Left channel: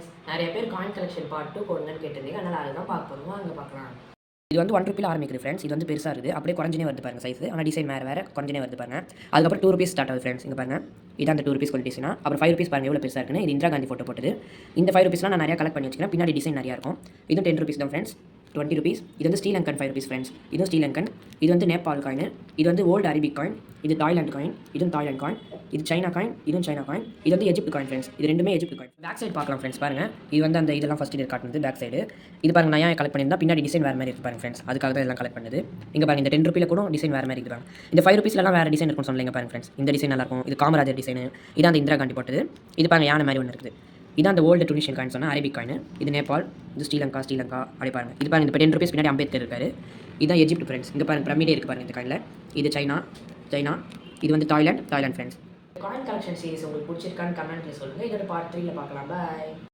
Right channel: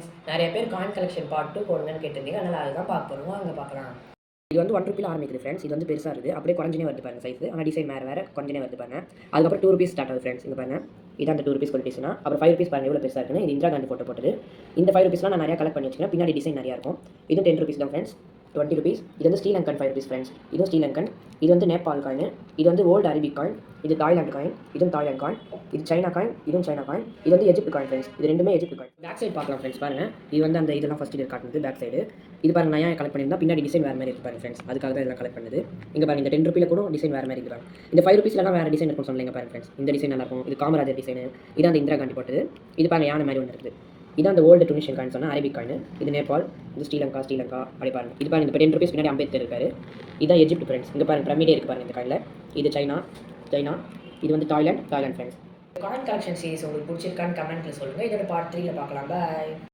Friends, நிறைய பேர் coin collection part 2 போடுங்கன்னு கேட்டிருந்தீங்க. அதனால் அதுதான் பார்க்க போகிறோம். வாங்க பார்க்கலாம். இது வந்து 1 ரூபியில் ஆரம்பிக்குது ஃப்ரெண்ட்ஸ். இது வந்து பெருசாக இருக்குது, அப்படியே குறைஞ்சினே வருது பாருங்க சைஸ். ஆனால் டிசைன் வேறு குறைஞ்சினே வருது பாருங்க. அதுக்கப்புறம் 2 ரூபீஸ் ஸ்டார்ட் ஆகுது ஃப்ரெண்ட்ஸ். இங்கே பாருங்க, இதான் அந்த 2 ரூபீஸ் குவாலிட்டிஸ்னா. அப்புறம் 5 ரூபீஸ் பாருங்க எவ்வளோ பெருசாக இருக்குன்னு. இது இந்திரா காந்தி ஃபோட்டோ போட்டது. இந்த 5 ரூபீஸ்லாம் நான் நிறையா கலெக்ட் பண்ணி வச்சுக்கிறேன். பின்னாடி டிசைன் நிறையா இருக்கும். இது 10 ரூபீஸ் தான் ஃப்ரெண்ட்ஸ். 20 ரூபீஸ். இது வந்து ஸ்ரீலங்கன் 5 ரூபீஸ் ஃப்ரெண்ட்ஸ். இதுவும் ஸ்ரீலங்கன். இது வந்து நேபாள் காயின். இது வந்து ஓல்டு அரபிக் காயின். இது தாய்லாந்து காயின். இதுவும் தாய்லாந்து காயின். இது சைனா காயின். இதுவும் சைனா காயின். இது வந்து எஜிப்ட் காயின் ஃப்ரெண்ட்ஸ். இது ரெண்டுமே எஜிப்ட் காயின். பேக் சைடு பார்க்கலாம் ஃப்ரெண்ட்ஸ். பாருங்க, இது வந்து அந்த இதெல்லாம் ஃபஸ்ட் இது காட்டுனது பேக் சைடு. இது பாருங்க, நான் ஏன் கலெக்ட் பண்ணியிருந்தா பின்னாடி டிசைன் வேறு மாதிரி இருக்கு பாருங்க ஃப்ரெண்ட்ஸ். அதுக்காக தான் எல்லாம் கலெக்ட் பண்ணுது. இங்கே பாருங்க, இந்த 10 ரூபியில் கூட டிசைன் வேறு மாதிரி இருக்கிறாங்க. இந்த 5 ரூபீஸ்லாம் வேறு டிசைன் இருக்கும்னு சொன்னீங்க பாருங்க ஃப்ரெண்ட்ஸ். இந்த டிசைன் நல்லா இருக்கும். இது காமராஜர் டிசைன். இதான் அந்த இந்திரா காந்தி போட்டது. இது பாருங்க, யானை மாதிரி ஒன்று இருக்குது. இதான் அந்த ஓல்டு டுனிஷியன் காயின் சொன்னால் அரபிக் காயின். இது நேபாள். இது ஸ்ரீலங்கா அப்படி பாருங்க. இது பாருங்க, இந்த 10 ரூபீஸ் பின்னாடி அம்பேத்கர் இருக்காரு. இதான் எஜிப்ட் ஃப்ரெண்ட்ஸ். இங்கே பாருங்க, பிரமிடே இருக்குது பாருங்க இந்த காயினில். இது சைனா. இது வந்து Thailand friends. Coin collection series உங்களுக்கு பிடிச்சிருக்கான்னு கமெண்ட்டில் சொல்லுங்கள். இதோட பார்ட் 3ல பார்க்கலாம். பாய்.